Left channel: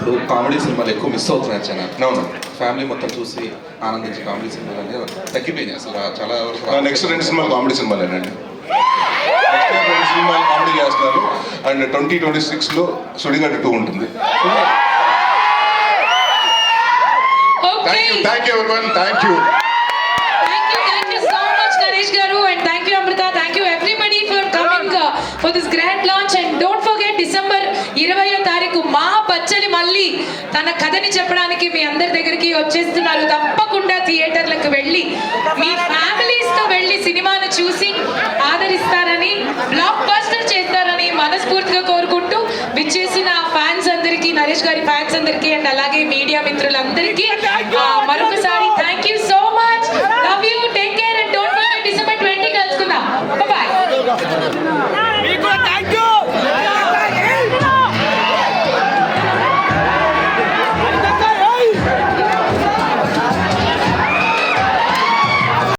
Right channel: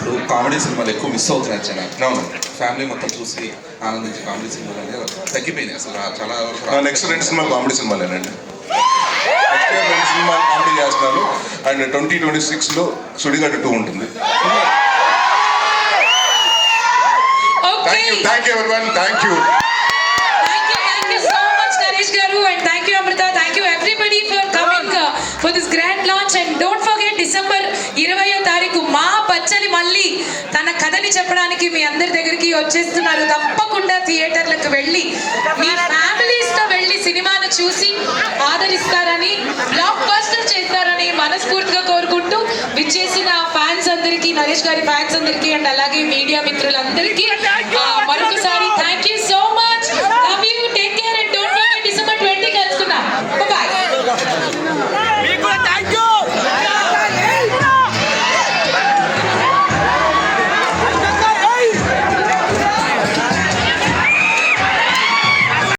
ఇప్పుడు కామెడీ సినిమాలు ఎక్కువ మిస్ అవుతున్నాయి జనం. ఫ్యామిలీ మొత్తం చూసి ఆనందించే కామెడీ సినిమాలు అనేవి తగ్గిపోయినాయి అసలు చాలా వరకు. నెక్స్ట్ 2 సినిమాలు కామెడీ సినిమాలేనండి. 2 సినిమాలు కామెడీ చేస్తున్నారు. అండ్ 2026లో సుడిగాడు 2 ఉంటుంది. Thank you everyone. Thank you so much Naresh garu, and thank you Amrita, thank you everybody for coming for this grand launch. And don't forget December 20వ తారీఖు మా బచ్చలి మళ్ళీ తన కథని చెప్పడానికి మీ అందరి దగ్గరికి వచ్చేస్తున్నారు. తప్పకుండా థియేటర్లకు వెళ్ళి మీ ఫ్యామిలీస్ తో వెళ్ళి సినిమాను చూసి ఆదరిస్తారని, బ్లాక్ బస్టర్ చేస్తారని మనస్ఫూర్తిగా కోరుకుంటూ విచ్చేసిన ఫ్యాన్స్ అందరికీ, నరేష్ గారి ఫ్యాన్స్ అందరికీ, అండ్ అలాగే మీడియా మిత్రులందరికీ మరొకసారి థ్యాంక్ యూ సో